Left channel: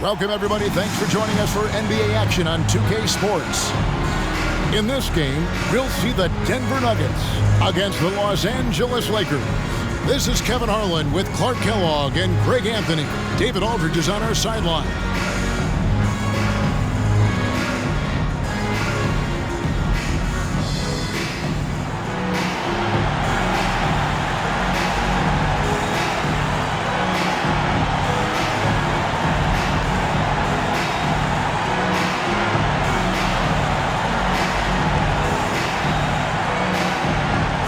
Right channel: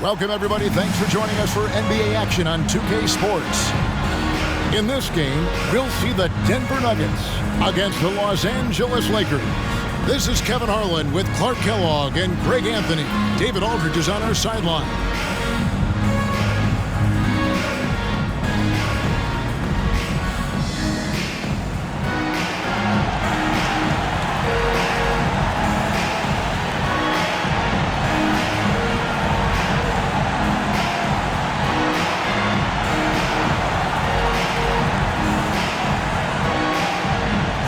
Welcome, everybody. Thanks for joining us for NBA action on 2K Sports. In this game, we'll see the Denver Nuggets against the Los Angeles Lakers. This is Kevin Harlan with Clark Kellogg and Greg Anthony. David Aldridge is on our sideline.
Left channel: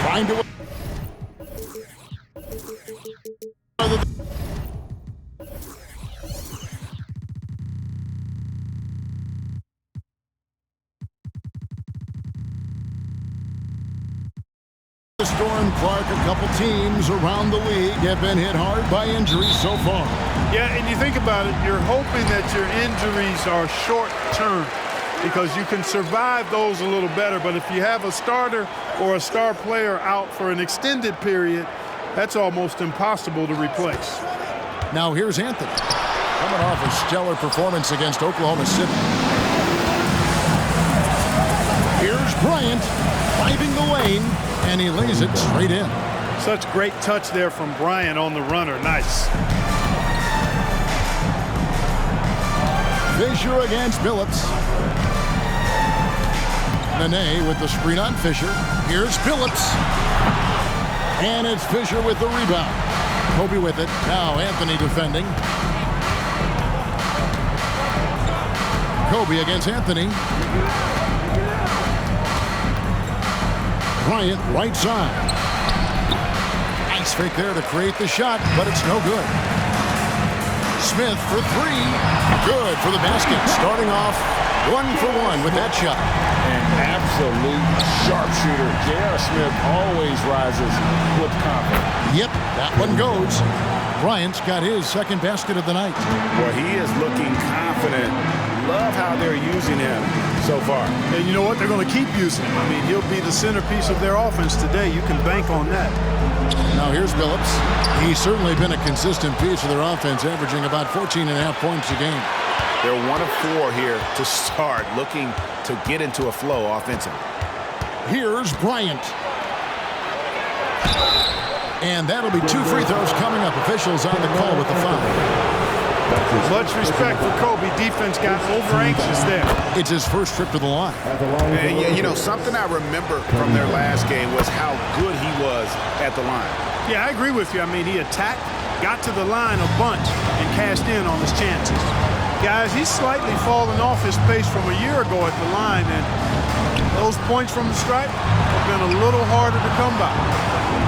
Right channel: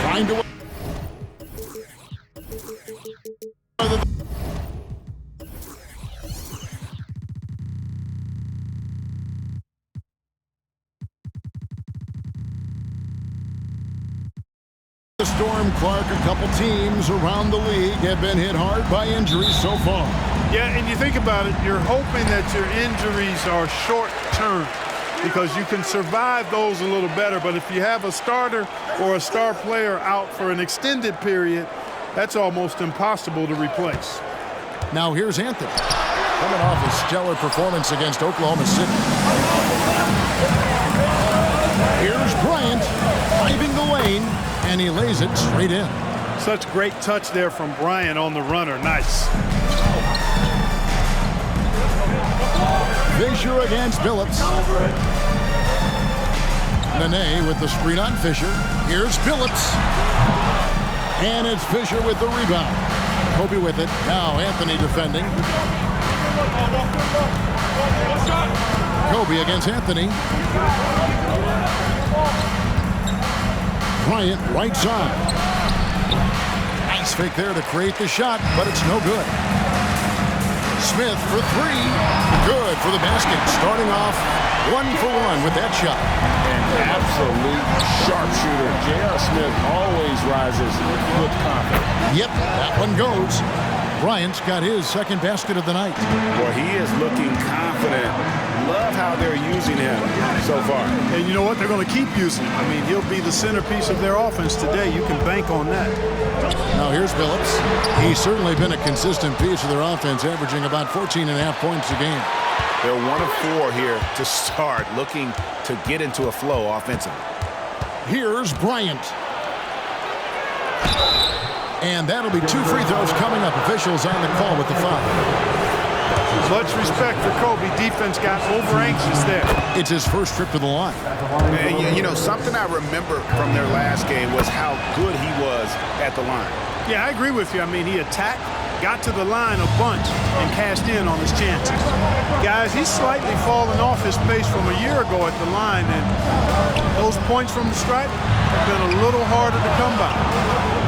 Trying to the storm, Clark, a couple teams around the league have been hit hard by injuries so far. Yeah, and you think about it, you're hoping that your injuries are short-term because you can survive those a little better. But if you have a starter or a star player out for an extended period, that's almost impossible to replace. Now here's Anthony, coming off a stellar performance against Oklahoma City. Here's Bryant, driving the lane, and he lays it straight in. Such great touch there from Bryant on the runner. Nice. Fisher against Billups. Nene with the screen on Fisher. Here's Billups. And it's Fisher with the rebound. Kobe with it. Now Anthony defending. Kobe against Anthony. Bryant right side. Nice fake there to create the shot, but it's no good. Smith for three. Good for the basket. Starting off 1 for 1 with that shot. An absolute sharpshooter. J.R. Smith always rises with confidence. Yep, that one goes. Bryant's got his second basket of the night. Boy, he is looking confident. Love how they're using him so far. And you know what? They're going to keep using him. I mean, he'll be the centerpiece of their offense today. You can bank on that. Now here's Billups. He's certainly been a consistent piece of their offense, averaging about 14.5 points a game. They're 1 of 4 here to start, looking to get into a flow offensively. Here's Bryant. And that'll be 2 free throws coming up. Officials on the call with the foul. Much respect for Kobe. Defense got over anxious there. It's his first trip to the line. And, you know, something I remember from their last game was how good he was at the line. Yeah, I agree with you. I mean, he attacked, got to the line a bunch, and cashed in on his chances. Guys, he's slightly fallen off his pace from a year ago at the line, and those points from the stripe have been a little harder to come by.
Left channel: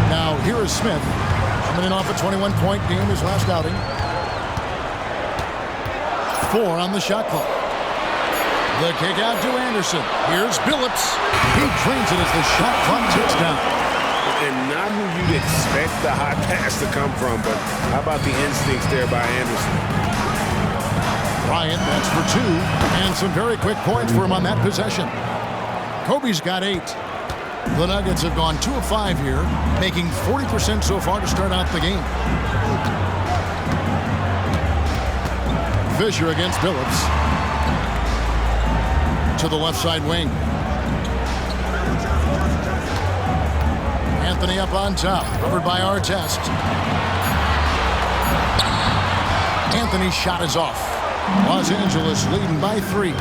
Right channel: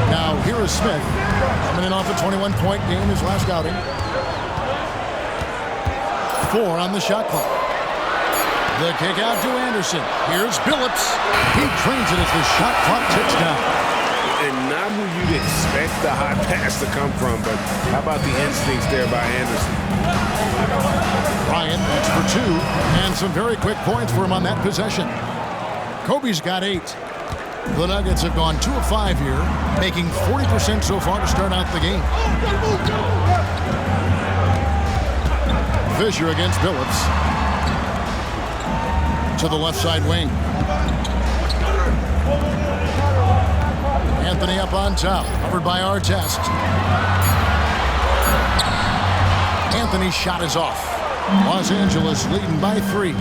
Now, here is Smith, coming in off a 21-point game his last outing. 4 on the shot clock. The kick out to Anderson. Here's Billups. He trains it as the shot clock ticks down. And not who you'd expect the high pass to come from, but how about the instincts there by Anderson? Bryant, that's for 2, and some very quick points for him on that possession. Kobe's got 8. The Nuggets have gone 2 of 5 here, making 40% so far to start out the game. Fisher against Billups. To the left side wing. Anthony up on top, covered by Artest. Anthony's shot is off. Los Angeles leading by 3.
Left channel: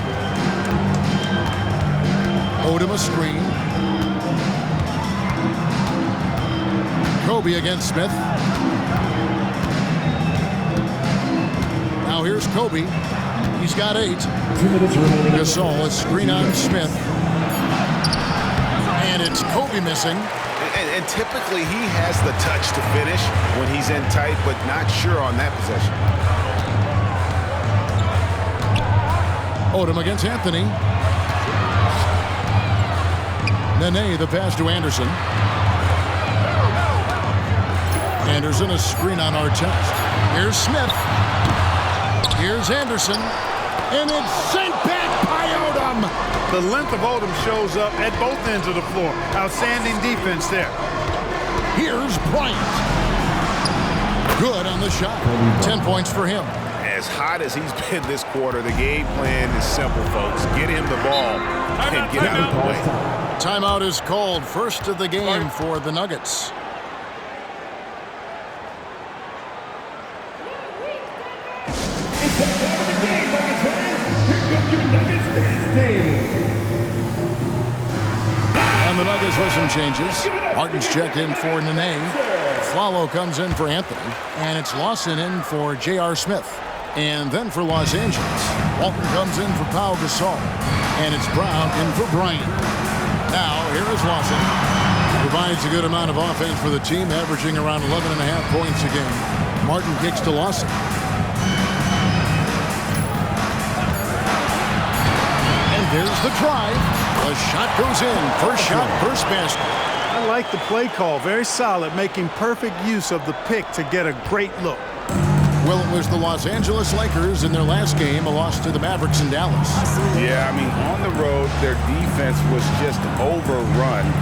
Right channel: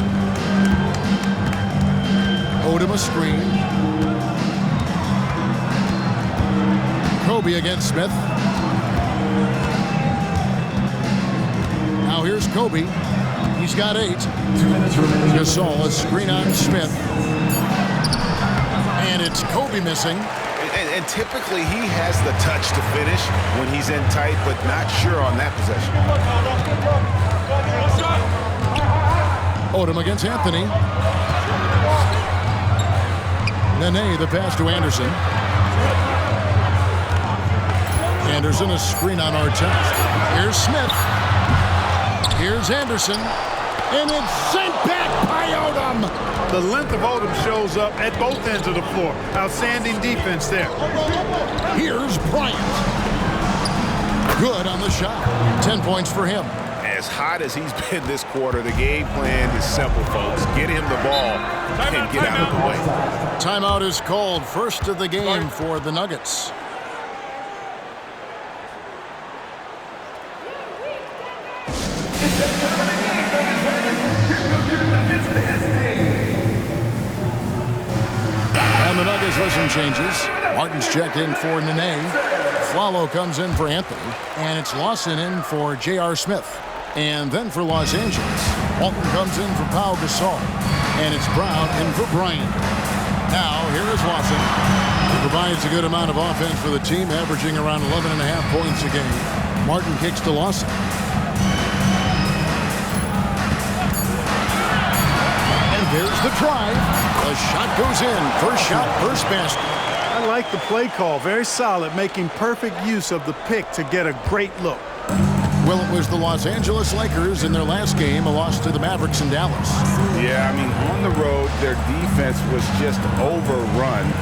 Odom a screen. Kobe against Smith. Now here's Kobe. He's got 8. 2 minutes remaining. Gasol, a screen on Smith. And it's Kobe missing. And typically he has the touch to finish when he's in tight, but not sure on that possession. Odom against Anthony. Nene, the pass to Anderson. Anderson, a screen on Artest. Here's Smith. Here's Anderson. And it's sent back by Odom. The length of Odom shows up at both ends of the floor. Outstanding defense there. Here's Bryant. Good on the shot. 10 points for him. as hot as he's been this quarter, the game plan is simple, folks. Get him the ball and get out of the way. Timeout is called. First of the game for the Nuggets. And the Nuggets with some changes. Martin's checked in for Nene. Flalo comes in for Anthony. And it's Lawson in for J.R. Smith. And then for Los Angeles, Walton comes in for Pau Gasol. And it's Brown in for Bryant. Now, here is Lawson, who provides a good amount of offense for the team, averaging around 11.5 points a game. Martin kicks to Lawson. And there's the drive. The shot goes in. First shot, first basket. I like the play call. Very solid, making perfect use of the pick to get a great look. Well, it was the Los Angeles Lakers in their last game, a loss to the Mavericks in Dallas. Yeah, I mean, on the road, their defense was just overrun.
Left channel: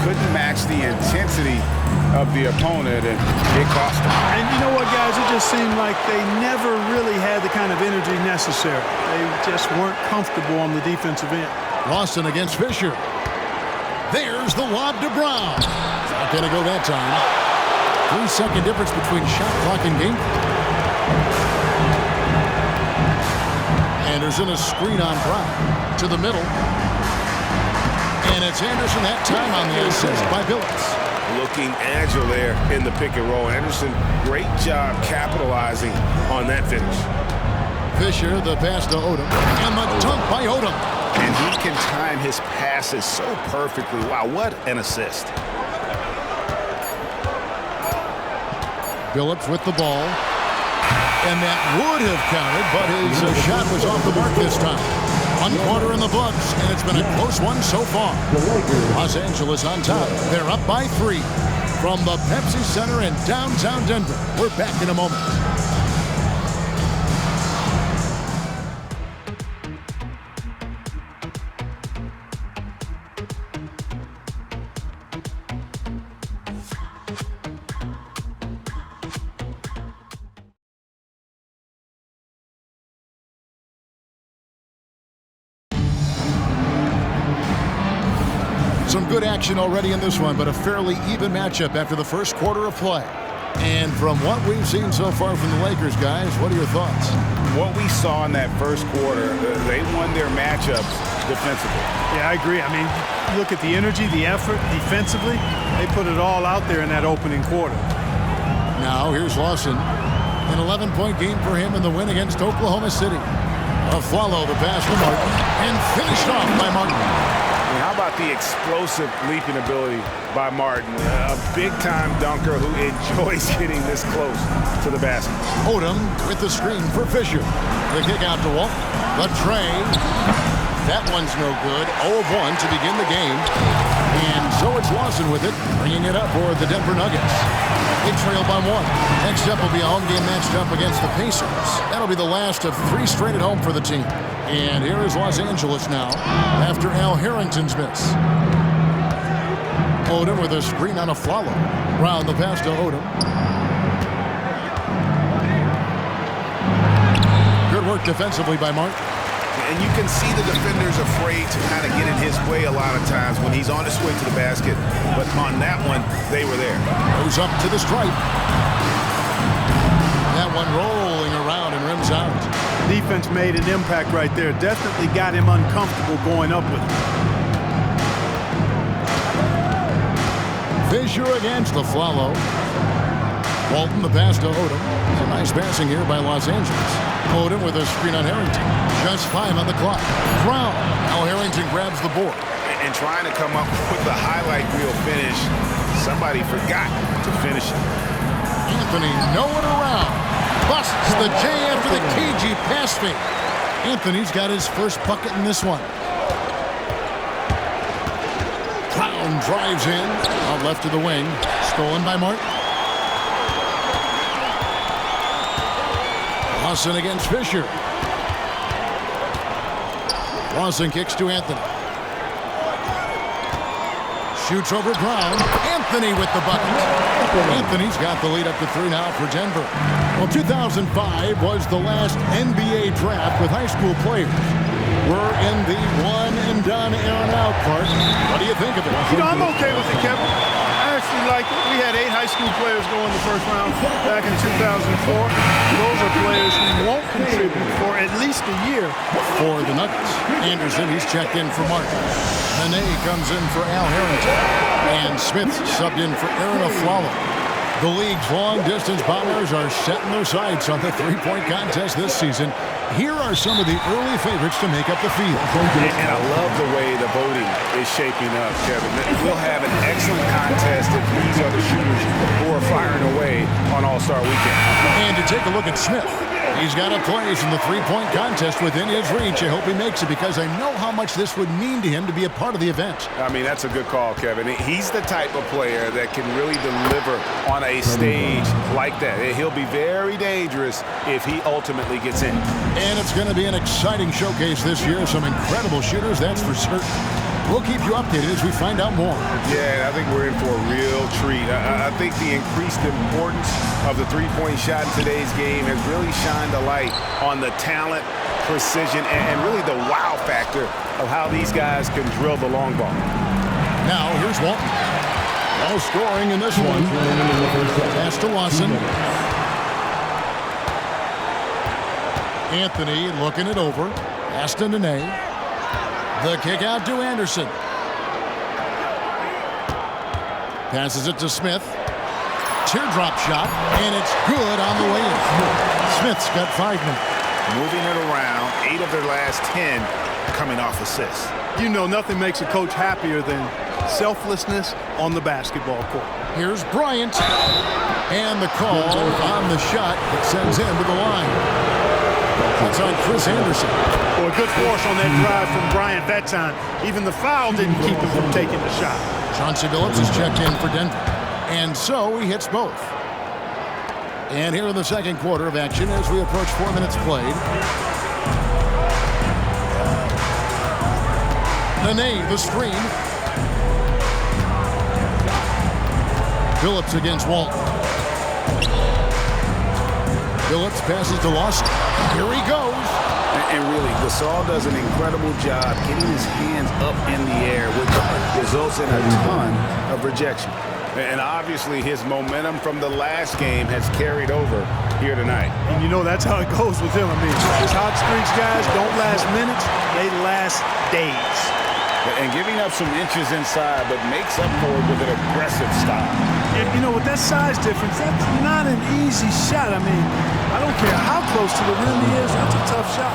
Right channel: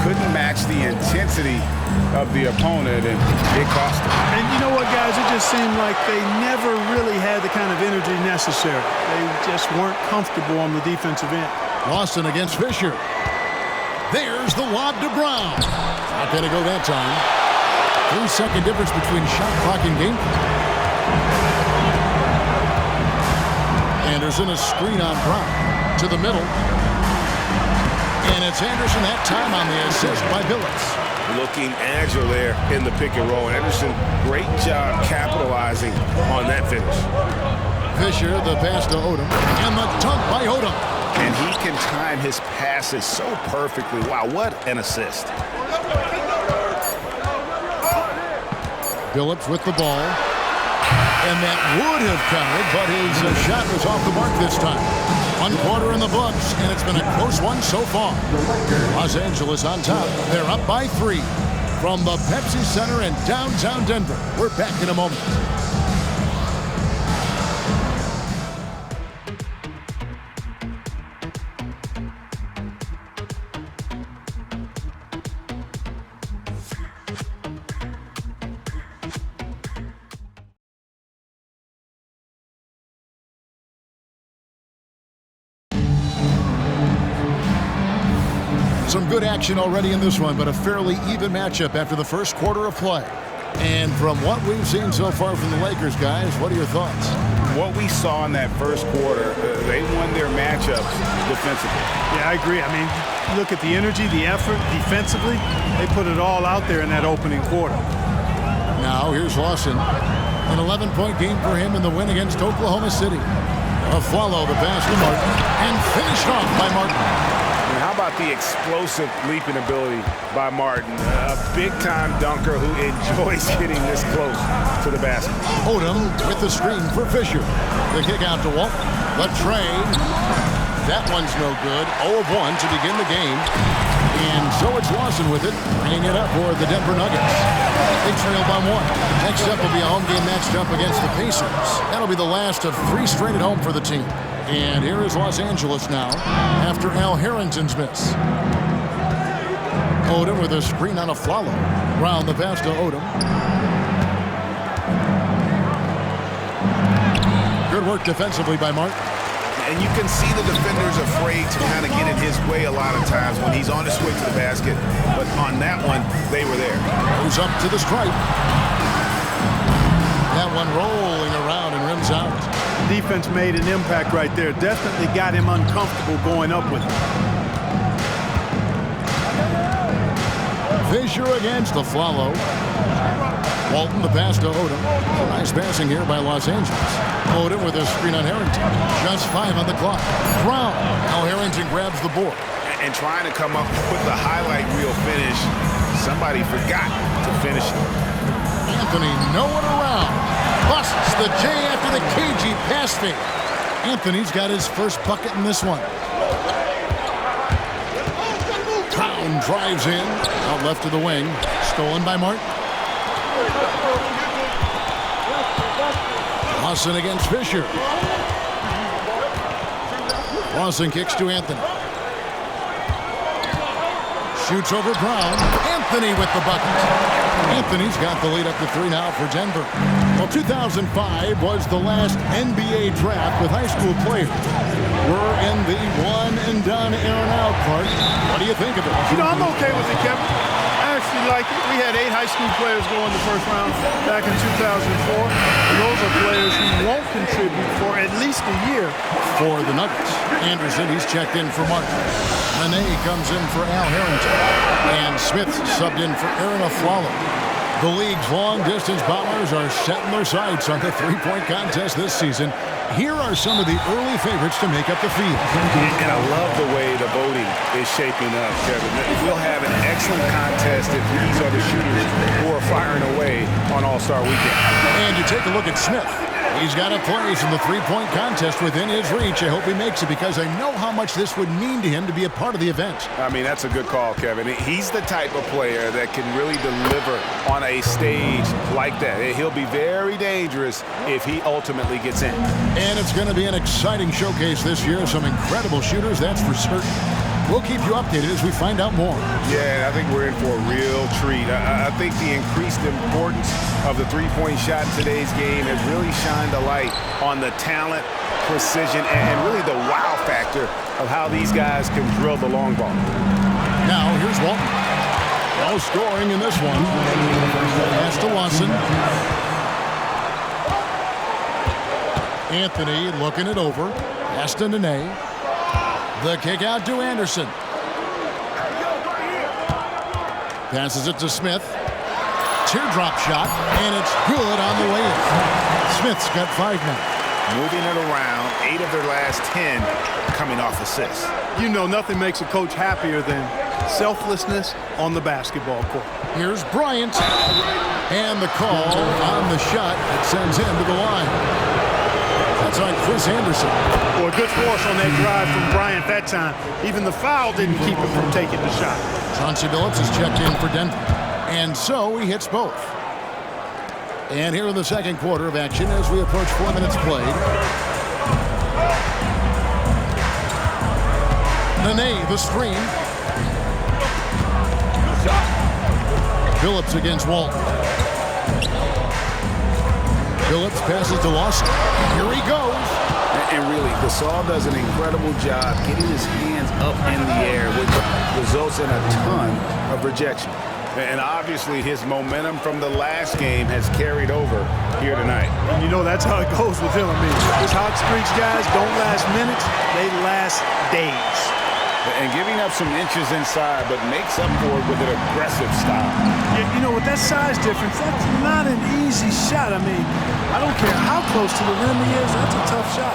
Couldn't match the intensity of the opponent, and it cost them. And you know what, guys? It just seemed like they never really had the kind of energy necessary. They just weren't comfortable on the defensive end. Lawson against Fisher. There's the lob to Brown. Not going to go that time. 3-second difference between shot clock and game clock. Anderson, a screen on Brown. To the middle. And it's Anderson that time on the assist by Billups. Looking agile there in the pick and roll. Anderson, great job capitalizing on that finish. Fisher, the pass to Odom. And the dunk by Odom. And he can time his passes so perfectly. Wow, what an assist. Billups with the ball. And that would have counted, but his shot was off the mark this time. 1 quarter in the books, and it's been a close one so far. Los Angeles on top. They're up by 3. From the Pepsi Center in downtown Denver. We're back in a moment. Some good action already in this one, but a fairly even matchup after the first quarter of play. And from what we've seen so far from the Lakers, guys, what are your thoughts? What we saw in that first quarter, they won their matchups defensively. Yeah, I agree. I mean, look at the energy, the effort defensively. They put it all out there in that opening quarter. Now, here's Lawson. An 11-point game for him in the win against Oklahoma City. Follow the pass to Martin, and finished off by Martin. And how about the explosive leaping ability by Martin? A big-time dunker who enjoys getting this close to the basket. Odom with the screen for Fisher. The kick out to Walt. The tray. That one's no good. 0 of 1 to begin the game. And so it's Lawson with it, bringing it up for the Denver Nuggets. They trail by 1. Next up will be a home game matched up against the Pacers. That'll be the last of 3 straight at home for the team. And here is Los Angeles now after Al Harrington's miss. Odom with a screen on a Flalo. Round the pass to Odom. Good work defensively by Martin. And you can see the defenders afraid to kind of get in his way a lot of times when he's on his way to the basket. But on that one, they were there. Goes up to the stripe. That one rolling around and rims out. Defense made an impact right there. Definitely got him uncomfortable going up with it. Fisher against the Flalo. Walton, the pass to Odom. It's a nice passing here by Los Angeles. Odom with a screen on Harrington. Just 5 on the clock. Brown. Now Harrington grabs the board. And trying to come up with the highlight reel finish, somebody forgot to finish it. Anthony nowhere around. Busts the J after the KG pass fake. Anthony's got his first bucket in this one. Brown drives in. Out left to the wing. Stolen by Martin. Lawson against Fisher. Lawson kicks to Anthony. Shoots over Brown. Anthony with the bucket. Anthony's got the lead up to 3 now for Denver. Well, 2005 was the last NBA draft with high school players. We're in the one-and-done era now, Clark. What do you think of it? You know, I'm okay with it, Kevin. I actually like it. We had 8 high school players go in the first round back in 2004. Those are players who won't contribute for at least a year. For the Nuggets, Anderson, he's checked in for Martin. Nene comes in for Al Harrington. And Smith subbed in for Aaron Aflalo. The league's long-distance bombers are setting their sights on the three-point contest this season. Here are some of the early favorites to make up the field. And I love the way the voting is shaping up, Kevin. We'll have an excellent contest if these are the shooters who are firing away on All-Star Weekend. And to take a look at Smith, he's got a place in the three-point contest within his reach. I hope he makes it because I know how much this would mean to him to be a part of the event. I mean, that's a good call, Kevin. He's the type of player that can really deliver on a stage like that. He'll be very dangerous if he ultimately gets in. And it's going to be an exciting showcase this year. Some incredible shooters, that's for certain. We'll keep you updated as we find out more. Yeah, I think we're in for a real treat. I think the increased importance of the three-point shot in today's game has really shined a light on the talent, precision, and really the wow factor of how these guys can drill the long ball. Now, here's Walton. No scoring in this one. Pass to Lawson. Anthony looking it over. Pass to Nene. The kick out to Anderson. Passes it to Smith. Teardrop shot, and it's good on the way in. Smith's got 5 now. Moving it around, 8 of their last 10 coming off assists. You know, nothing makes a coach happier than selflessness on the basketball court. Here's Bryant. And the call on the shot that sends him to the line. That's on Chris Anderson. Boy, good force on that drive from Bryant that time. Even the foul didn't keep him from taking the shot. Chauncey Billups is checked in for Denver. And so he hits both. And here in the second quarter of action as we approach 4 minutes played. Nene, the screen. Billups against Walton. Billups passes to Lawson. Here he goes. And really, Gasol does an incredible job getting his hands up in the air, which results in a ton of rejection. And obviously, his momentum from the last game has carried over here tonight. And you know, that's how it goes with him. I mean, his hot streaks, guys, don't last minutes. They last days. And giving up some inches inside, but makes up for it with an aggressive style. Yeah, you know, with that size difference, that's not an easy shot. I mean, I don't care how close to the rim he is. That's a tough shot.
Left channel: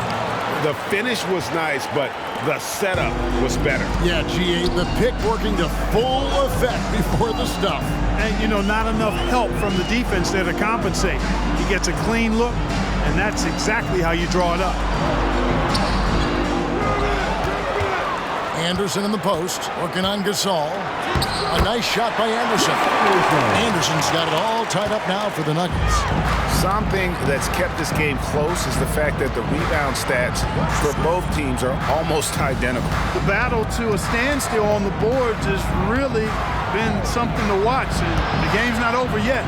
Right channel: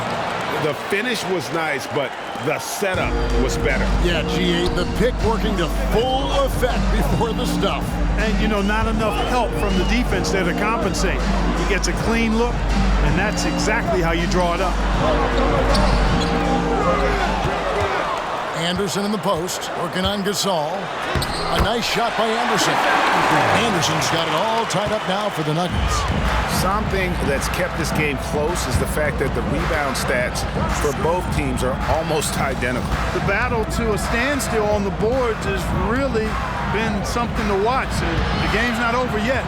The finish was nice, but the setup was better. Yeah, GA, the pick working to full effect before the stuff. And, you know, not enough help from the defense there to compensate. He gets a clean look, and that's exactly how you draw it up. Anderson in the post, working on Gasol. A nice shot by Anderson. Anderson's got it all tied up now for the Nuggets. Something that's kept this game close is the fact that the rebound stats for both teams are almost identical. The battle to a standstill on the boards has really been something to watch, and the game's not over yet.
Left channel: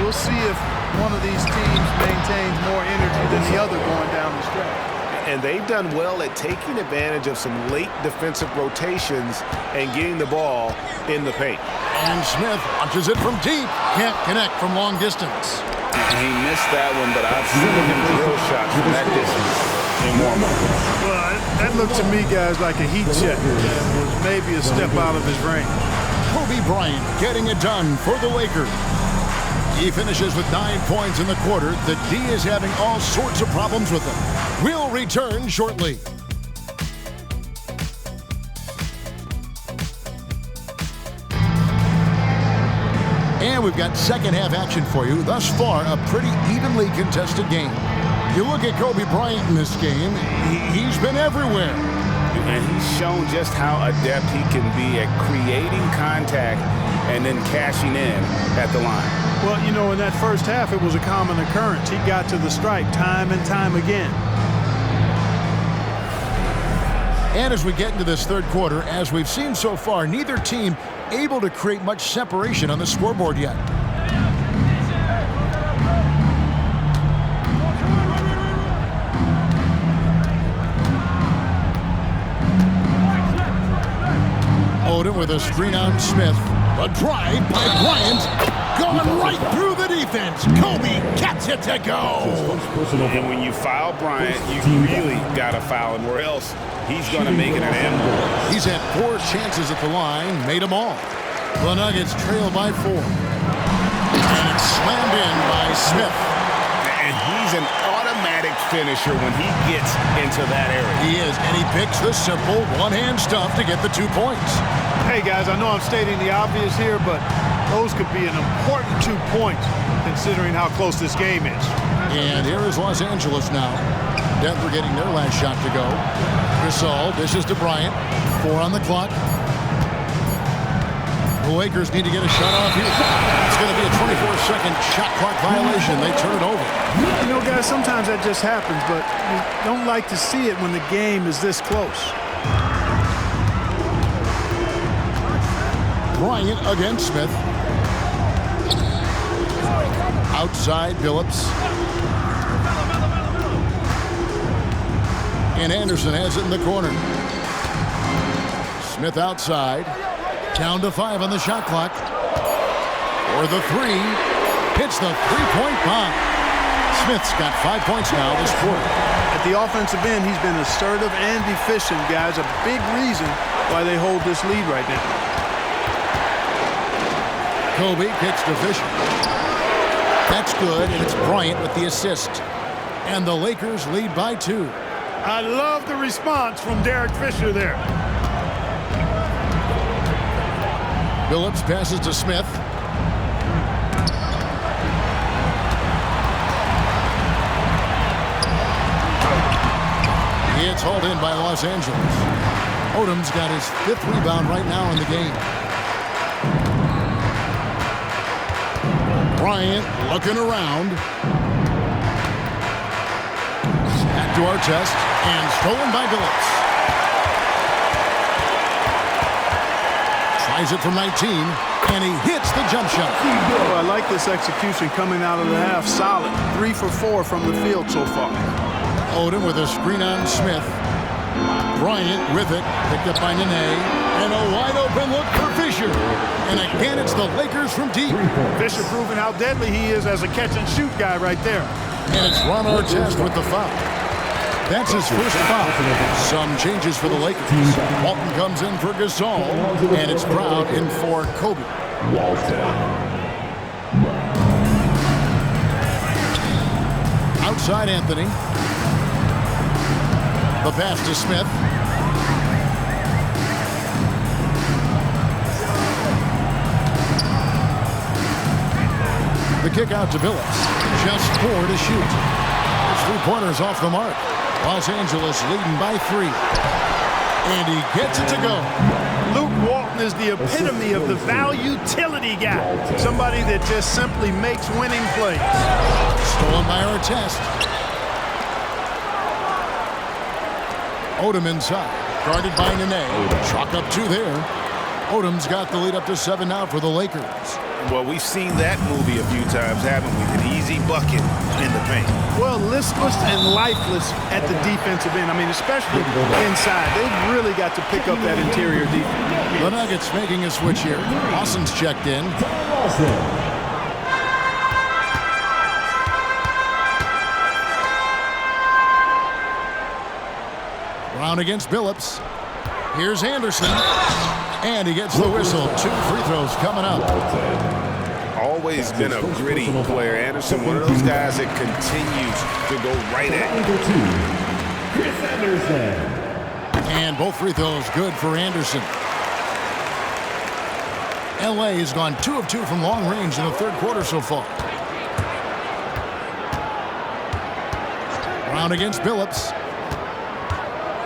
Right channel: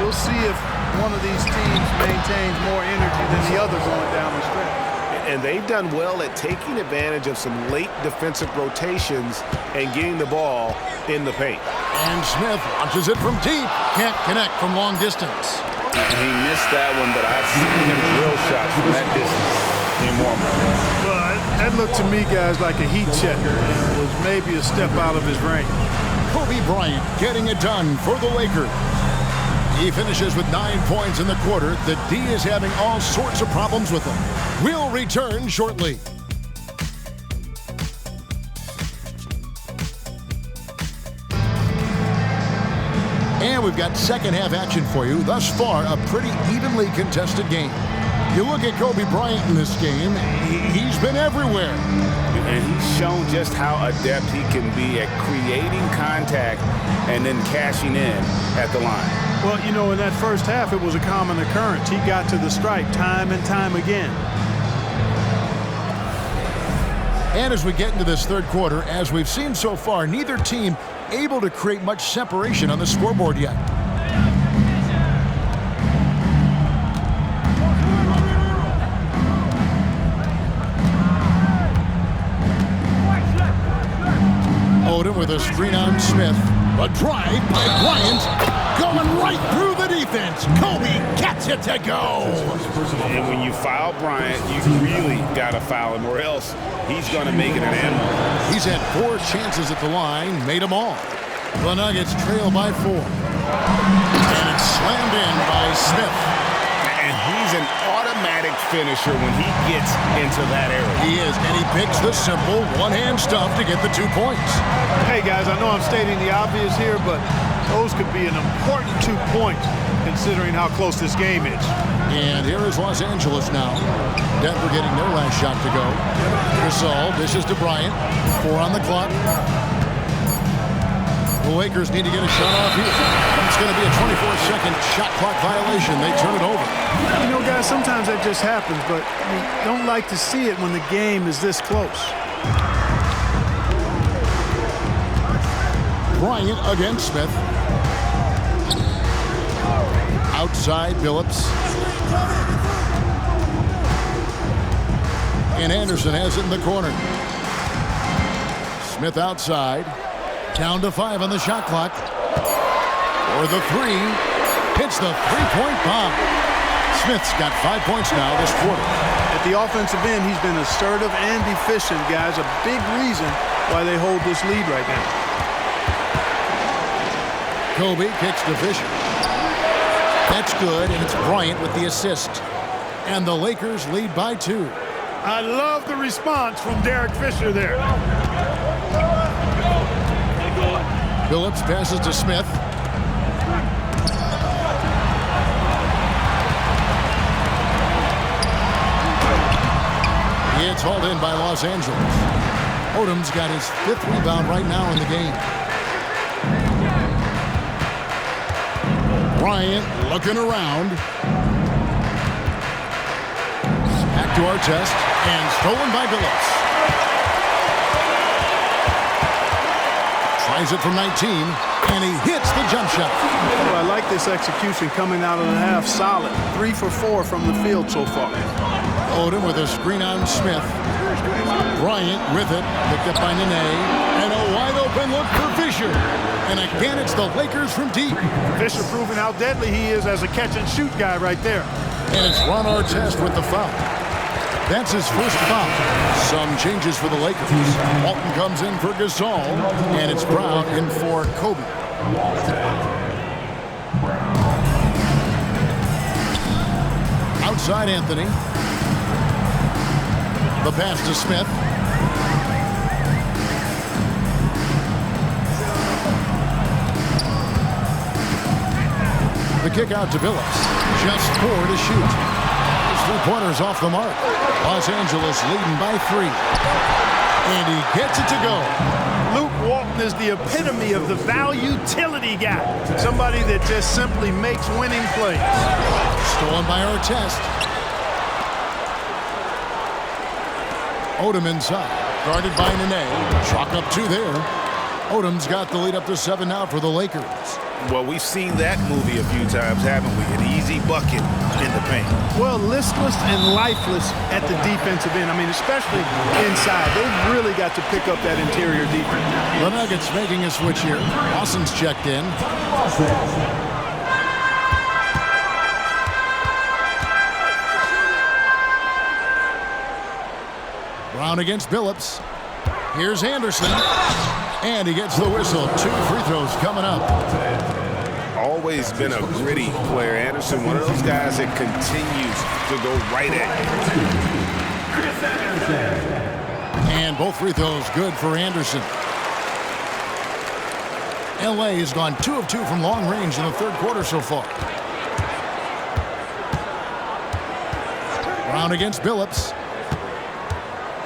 We'll see if one of these teams maintains more energy than the other going down the stretch. And they've done well at taking advantage of some late defensive rotations and getting the ball in the paint. And Smith launches it from deep. Can't connect from long distance. And he missed that one, but I've seen him drill shots from that distance in warm-up. Well, that looked to me, guys, like a heat check and was maybe a step out of his range. Kobe Bryant getting it done for the Lakers. He finishes with 9 points in the quarter. The D is having all sorts of problems with him. We'll return shortly. And we've got second half action for you. Thus far, a pretty evenly contested game. You look at Kobe Bryant in this game, he's been everywhere. And he's shown just how adept he can be at creating contact and then cashing in at the line. Well, you know, in that first half, it was a common occurrence. He got to the stripe time and time again. And as we get into this third quarter, as we've seen so far, neither team able to create much separation on the scoreboard yet. Odom with a screen on Smith. A drive by Bryant, going right through the defense. Kobe gets it to go. And when you foul Bryant, you really got to foul him, or else he's going to make it an animal. He's had 4 chances at the line, made them all. The Nuggets trail by 4. And it's slammed in by Smith. And he's an automatic finisher when he gets into that area. He is, and he picks the simple one-hand stuff to get the 2 points. Hey, guys, I know I'm stating the obvious here, but those could be an important 2 points considering how close this game is. And here is Los Angeles now. Denver getting their last shot to go. Gasol dishes to Bryant. 4 on the clock. The Lakers need to get a shot off here. It's going to be a 24-second shot clock violation. They turn it over. You know, guys, sometimes that just happens, but you don't like to see it when the game is this close. Bryant against Smith. Outside Billups. And Anderson has it in the corner. Smith outside. Down to 5 on the shot clock. For the 3. Hits the 3-point bomb. Smith's got 5 points now this quarter. At the offensive end, he's been assertive and efficient, guys. A big reason why they hold this lead right now. Kobe kicks to Fisher. That's good, and it's Bryant with the assist. And the Lakers lead by 2. I love the response from Derek Fisher there. Billups passes to Smith. It's hauled in by Los Angeles. Odom's got his 5th rebound right now in the game. Bryant looking around. Back to Artest, and stolen by Billups. Tries it from 19, and he hits the jump shot. Oh, I like this execution coming out of the half. Solid. 3 for 4 from the field so far. Odom with a screen on Smith. Bryant with it, picked up by Nene, and a wide open look for Fisher. And again, it's the Lakers from deep. Fisher proving how deadly he is as a catch-and-shoot guy right there. And it's Ron Artest with the foul. That's his first foul. Some changes for the Lakers. Walton comes in for Gasol, and it's Brown in for Kobe. Outside Anthony. The pass to Smith. The kick out to Billups. Just 4 to shoot. His 3-pointers off the mark. Los Angeles leading by 3. And he gets it to go. Luke Walton is the epitome of the value-utility guy. Somebody that just simply makes winning plays. Stolen by Artest. Odom inside. Guarded by Nene. Chalk up 2 there. Odom's got the lead up to 7 now for the Lakers. Well, we've seen that movie a few times, haven't we? An easy bucket in the paint. Well, listless and lifeless at the defensive end. I mean, especially inside. They've really got to pick up that interior defense. The Nuggets making a switch here. Lawson's checked in. Brown against Billups. Here's Anderson. And he gets the whistle. 2 free throws coming up. Always been a gritty player. Anderson, one of those guys that continues to go right at you. Chris Anderson. And both free throws good for Anderson. LA has gone 2 of 2 from long range in the 3rd quarter so far. Brown against Billups.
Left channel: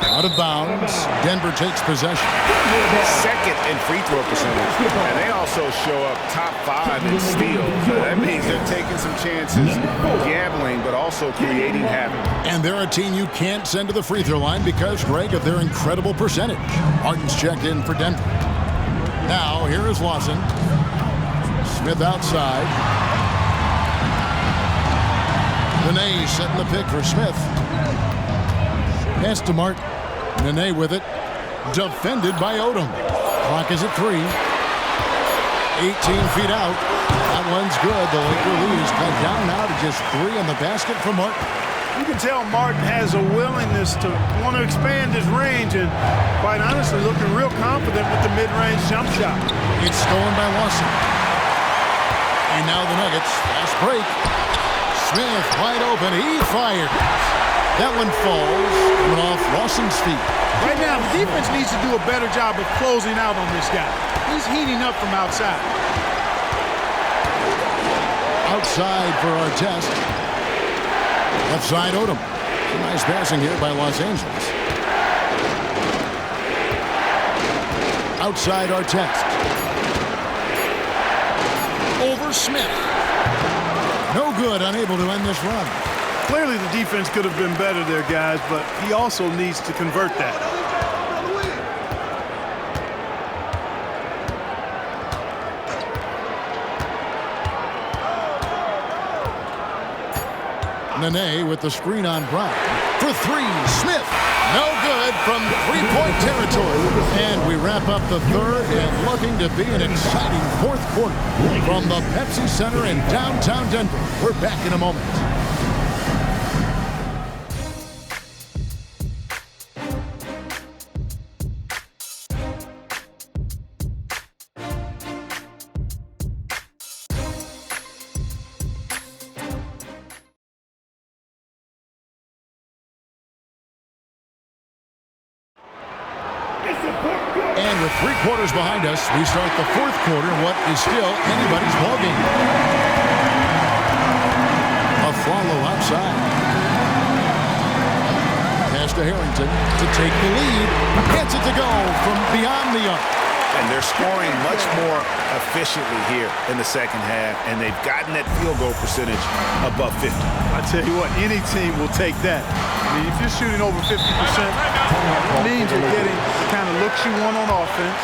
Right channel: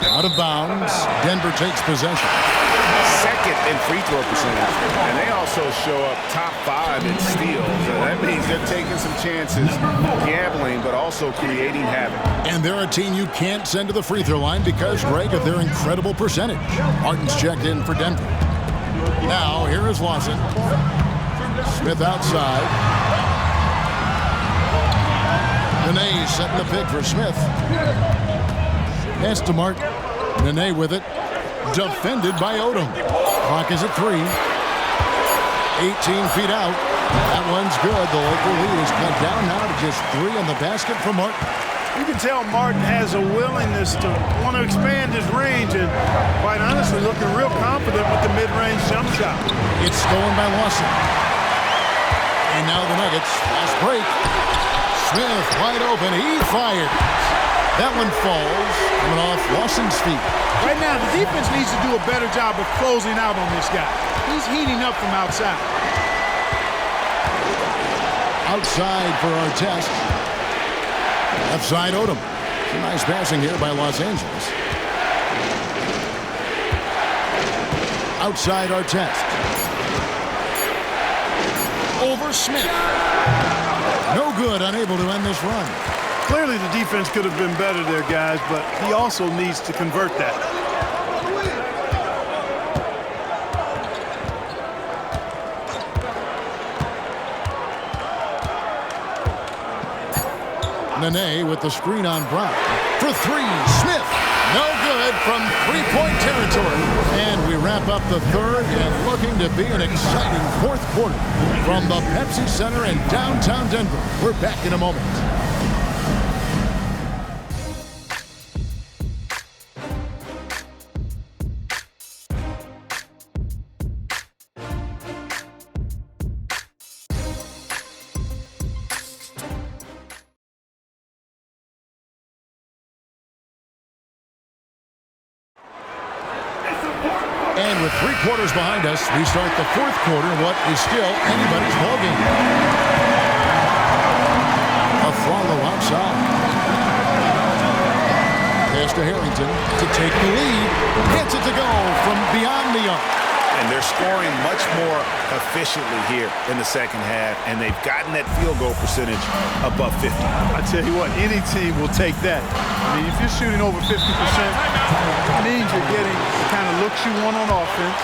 Out of bounds. Denver takes possession. 2nd in free throw percentage. And they also show up top 5 in steals. That means they're taking some chances, gambling, but also creating havoc. And they're a team you can't send to the free throw line because, Greg, of their incredible percentage. Martin's checked in for Denver. Now, here is Lawson. Smith outside. Nene setting the pick for Smith. Pass to Martin. Nene with it. Defended by Odom. Clock is at 3. 18 feet out. That one's good. The Laker lead is cut down now to just 3 on the basket for Martin. You can tell Martin has a willingness to want to expand his range and, quite honestly, looking real confident with the mid-range jump shot. It's stolen by Lawson. And now the Nuggets. Fast break. Smith wide open. He fires. That one falls, coming off Lawson's feet. Right now, the defense needs to do a better job of closing out on this guy. He's heating up from outside. Outside for Artest. Left side, Odom. Some nice passing here by Los Angeles. Outside, Artest. Over Smith. No good, unable to end this run. Clearly, the defense could have been better there, guys, but he also needs to convert that. Nene with the screen on Brown. For 3, Smith. No good from three-point territory. And we wrap up the third and looking to be an exciting fourth quarter from the Pepsi Center in downtown Denver. We're back in a moment. And with 3 quarters behind us, we start the fourth quarter in what is still anybody's ballgame. A follow outside. Pass to Harrington to take the lead. Gets it to go from beyond the arc. And they're scoring much more efficiently here in the second half, and they've gotten that field goal percentage above 50. I tell you what, any team will take that. I mean, if you're shooting over 50%, it means you're getting the kind of looks you want on offense,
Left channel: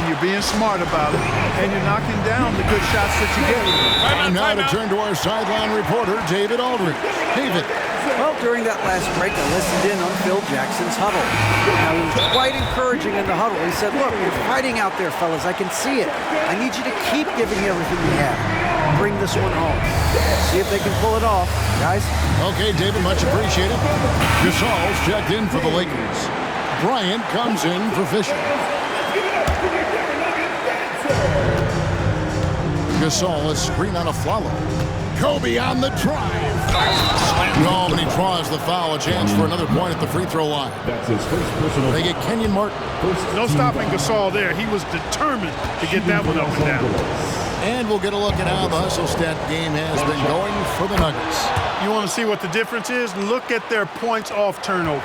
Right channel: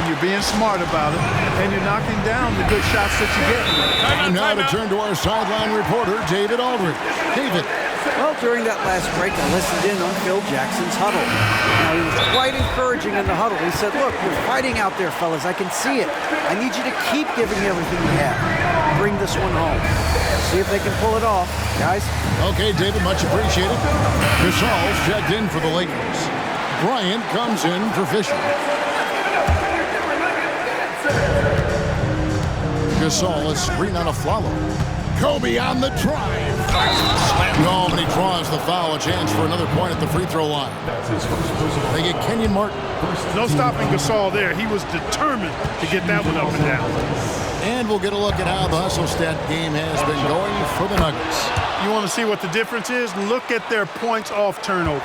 and you're being smart about it, and you're knocking down the good shots that you get. And now to turn to our sideline reporter, David Aldridge. David. Well, during that last break, I listened in on Phil Jackson's huddle. Now, he was quite encouraging in the huddle. He said, look, you're fighting out there, fellas. I can see it. I need you to keep giving everything you have. Bring this one home. See if they can pull it off, guys. Okay, David, much appreciated. Gasol's checked in for the Lakers. Bryant comes in for Fisher. Gasol is screen on a follow. Kobe on the drive. Slam home, and he draws the foul. A chance for another point at the free throw line. That's his first personal. They get Kenyon Martin. No stopping Gasol there. He was determined to get that one up and down. And we'll get a look at how the hustle stat game has been going for the Nuggets. You want to see what the difference is? Look at their points off turnovers.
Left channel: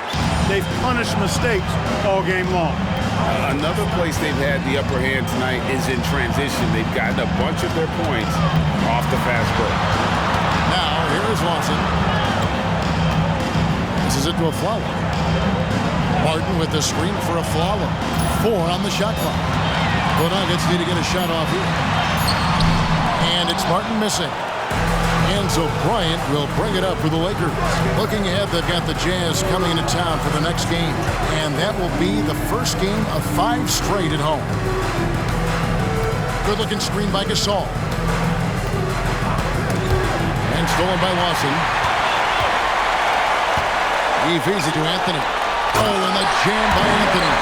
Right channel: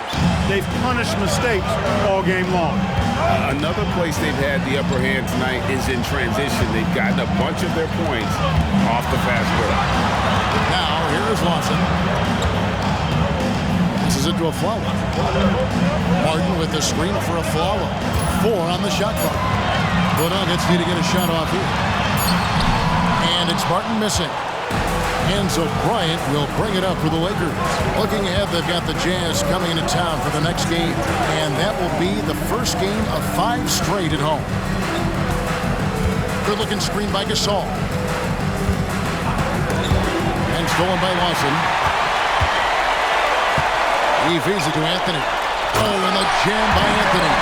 They've punished mistakes all game long. Another place they've had the upper hand tonight is in transition. They've gotten a bunch of their points off the fast break. Now, here is Lawson. Passes it to a Flalo. Martin with the screen for a Flalo. 4 on the shot clock. The Nuggets need to get a shot off here. And it's Martin missing. And so Bryant will bring it up for the Lakers. Looking ahead, they've got the Jazz coming into town for the next game. And that will be the first game of 5 straight at home. Good-looking screen by Gasol. And stolen by Lawson. He feeds it to Anthony. Oh, and the jam by Anthony.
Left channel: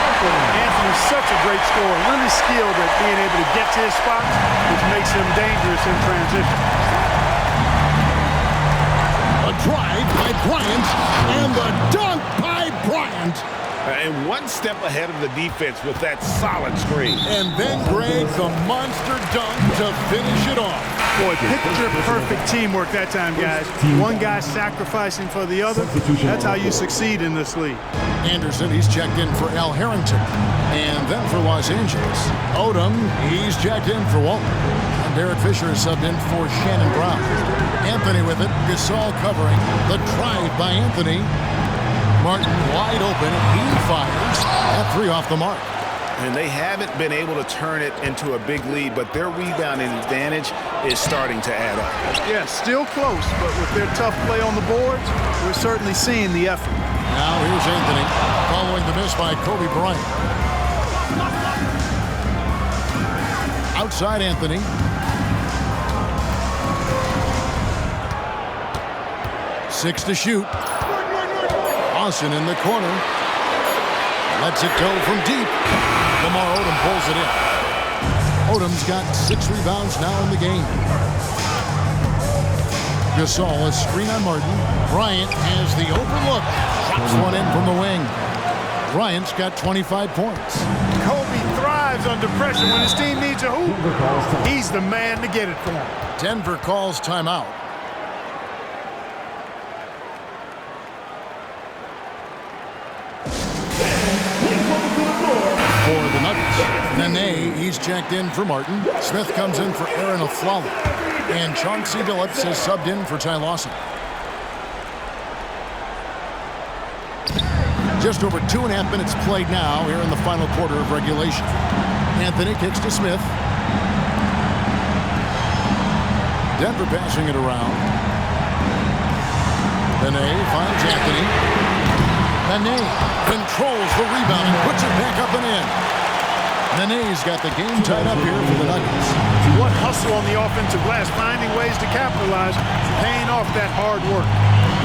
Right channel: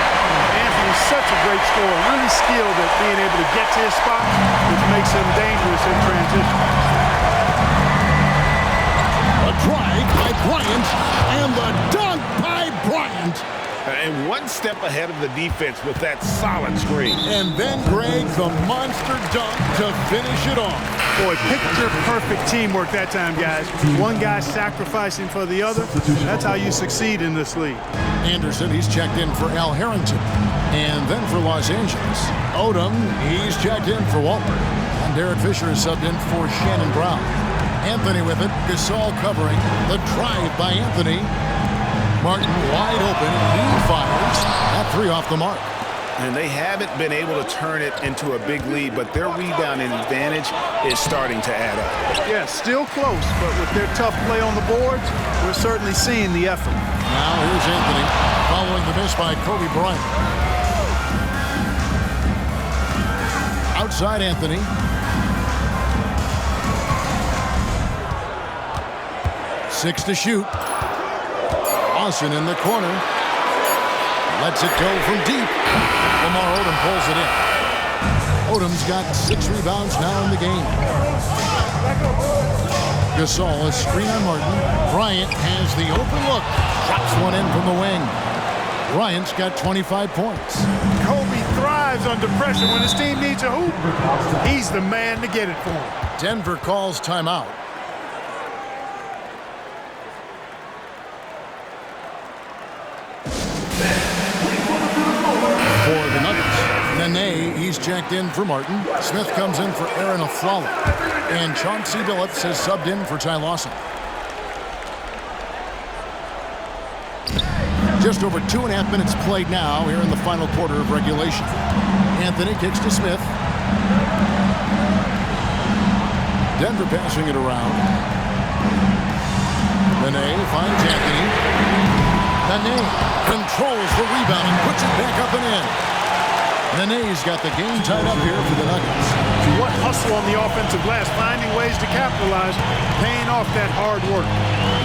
Anthony's such a great scorer, really skilled at being able to get to his spots, which makes him dangerous in transition. A drive by Bryant, and the dunk by Bryant. And one step ahead of the defense with that solid screen. And then Greg, the monster dunk to finish it off. Boy, picture-perfect teamwork that time, guys. One guy sacrificing for the other. That's how you succeed in this league. Anderson, he's checked in for Al Harrington. And then for Los Angeles, Odom, he's checked in for Walton. And Derek Fisher is subbed in for Shannon Brown. Anthony with it. Gasol covering. The drive by Anthony. Martin wide open. He fires. That 3 off the mark. And they haven't been able to turn it into a big lead, but their rebounding advantage is starting to add up. Yeah, still close, but with their tough play on the boards, we're certainly seeing the effort. Now here's Anthony following the miss by Kobe Bryant. Outside Anthony. Six to shoot. Lawson in the corner. Lets it go from deep. Lamar Odom pulls it in. Odom's got 6 rebounds now in the game. Gasol, a screen on Martin. Bryant has the open look. Drops one in from the wing. Bryant's got 25 points. Kobe thrives under pressure. When his team needs a hoop, he's the man to get it for him. Denver calls timeout. For the Nuggets, Nene, he's checked in for Martin. Smith comes in for Aaron Aflalo. And Chauncey Billups has subbed in for Ty Lawson. Just over 2.5 minutes played now here in the final quarter of regulation. Anthony kicks to Smith. Denver passing it around. Nene finds Anthony. Nene controls the rebound and puts it back up and in. Nene's got the game tied up here for the Nuggets. What hustle on the offensive glass, finding ways to capitalize, paying off that hard work.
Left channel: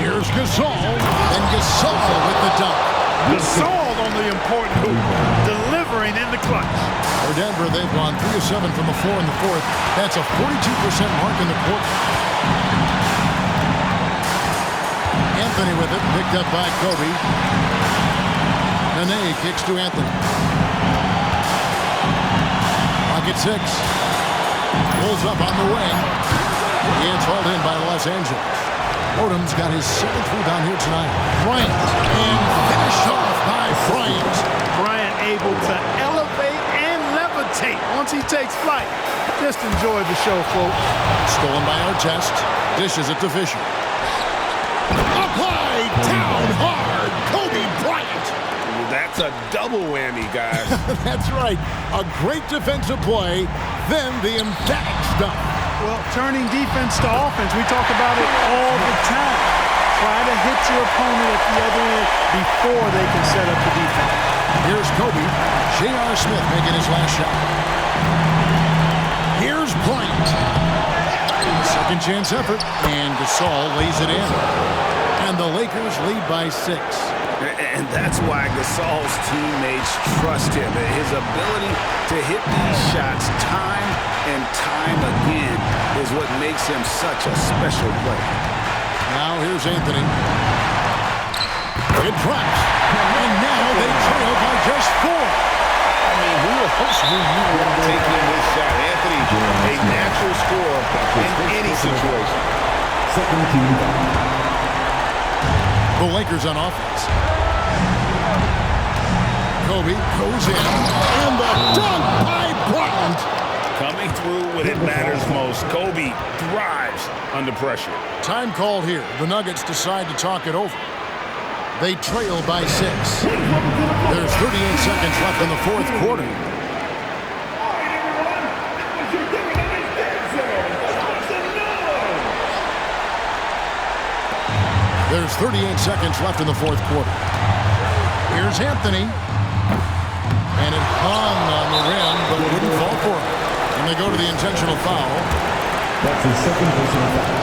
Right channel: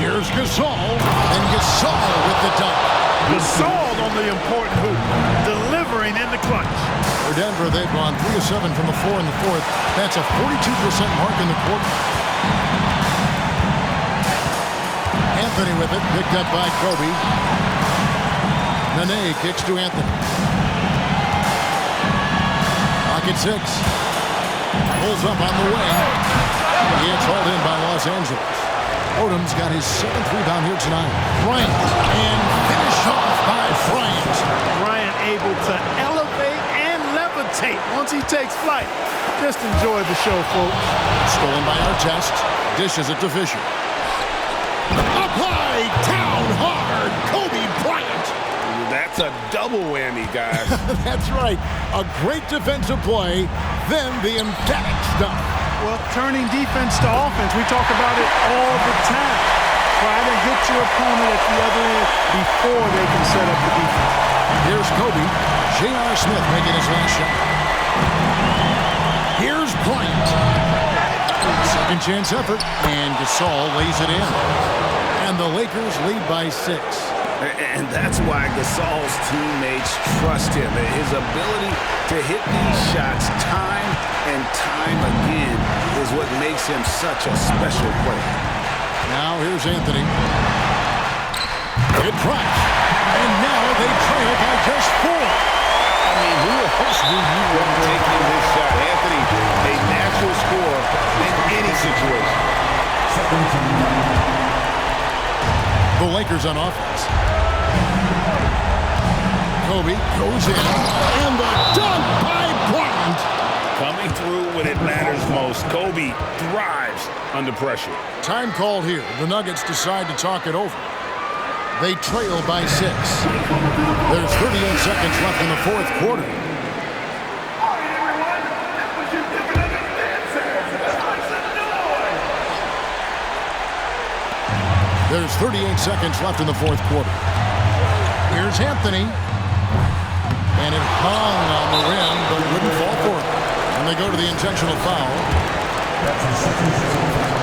Here's Gasol, and Gasol with the dunk. Gasol on the important hoop, delivering in the clutch. For Denver, they've gone 3 of 7 from the floor in the fourth. That's a 42% mark in the quarter. Anthony with it, picked up by Kobe. Nene kicks to Anthony. Clock at 6. Pulls up on the wing. It's hauled in by Los Angeles. Odom's got his 7th rebound here tonight. Bryant, and finish off by Bryant. Bryant able to elevate and levitate once he takes flight. Just enjoy the show, folks. Stolen by Artest. Dishes it to Fisher. Up high, down hard, Kobe Bryant. That's a double whammy, guys. That's right. A great defensive play, then the emphatic stuff. Well, turning defense to offense, we talk about it all the time. Try to hit your opponent at the other end before they can set up the defense. Here's Kobe. J.R. Smith making his last shot. Here's Bryant. Second chance effort, and Gasol lays it in. And the Lakers lead by 6. And that's why Gasol's teammates trust him. His ability to hit these shots time and time again is what makes him such a special player. Now here's Anthony. It drops. And now they trail by just 4. I mean, who else do you want taking this shot? Anthony, a natural scorer in any situation. Second team. The Lakers on offense. Kobe goes in, and the dunk by Bryant. Coming through when it matters most. Kobe thrives under pressure. Time called here. The Nuggets decide to talk it over. They trail by 6. There's 38 seconds left in the fourth quarter. There's 38 seconds left in the fourth quarter. Here's Anthony. And it hung on the rim, but wouldn't fall for him. And they go to the intentional foul. That's his second personal foul.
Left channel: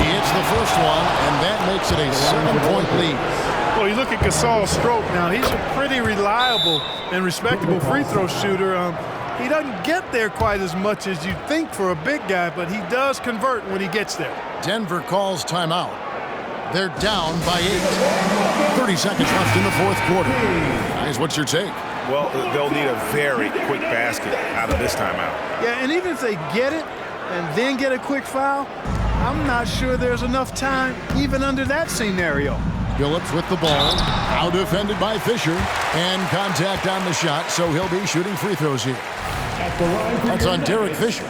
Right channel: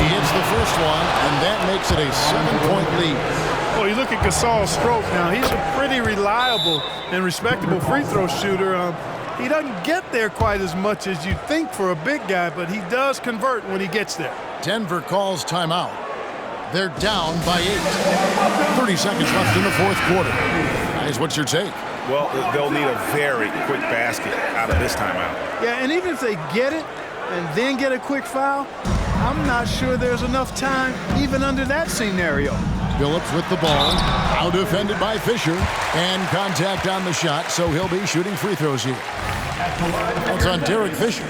He hits the first one, and that makes it a 7-point lead. Well, you look at Gasol's stroke now. He's a pretty reliable and respectable free throw shooter. He doesn't get there quite as much as you'd think for a big guy, but he does convert when he gets there. Denver calls timeout. They're down by 8. 30 seconds left in the fourth quarter. Guys, what's your take? Well, they'll need a very quick basket out of this timeout. Yeah, and even if they get it and then get a quick foul, I'm not sure there's enough time even under that scenario. Billups with the ball, out defended by Fisher, and contact on the shot, so he'll be shooting free throws here. That's on Derek Fisher.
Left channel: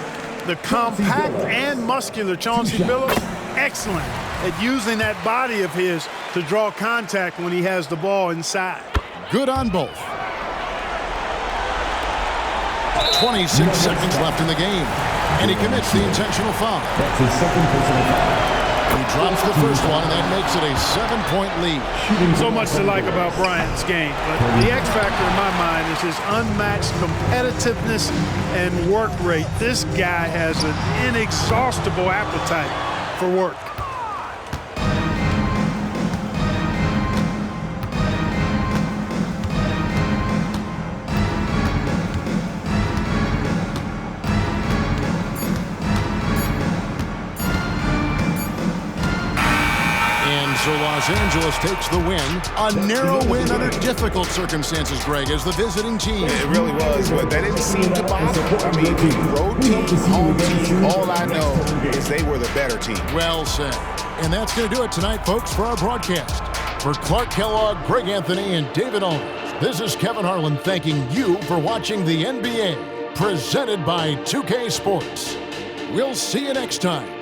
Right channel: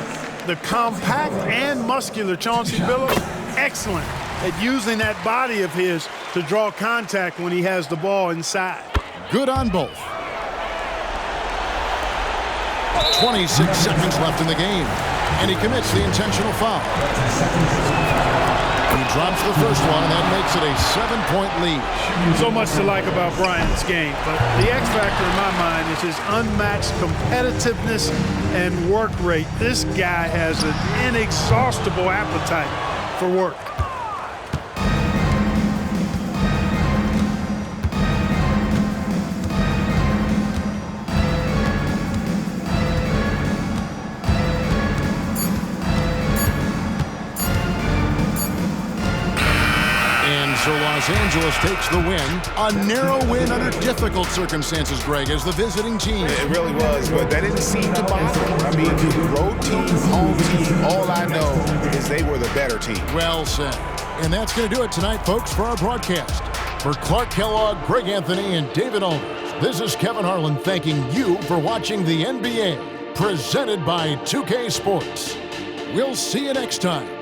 The compact and muscular Chauncey Billups, excellent at using that body of his to draw contact when he has the ball inside. Good on both. 26 seconds left in the game, and he commits the intentional foul. That's his second personal foul. He drops the first one, and that makes it a 7-point lead. So much to like about Bryant's game, but the X factor in my mind is his unmatched competitiveness and work rate. This guy has an inexhaustible appetite for work. And so Los Angeles takes the win. A narrow win under difficult circumstances, Greg, as the visiting team. It really was, but that didn't seem to bother them. I mean, road team, home team, all I know is they were the better team. Well said. And that's going to do it tonight, folks, for our broadcast. For Clark Kellogg, Greg Anthony, and David Owens, this is Kevin Harlan thanking you for watching the NBA, presented by 2K Sports. We'll see you next time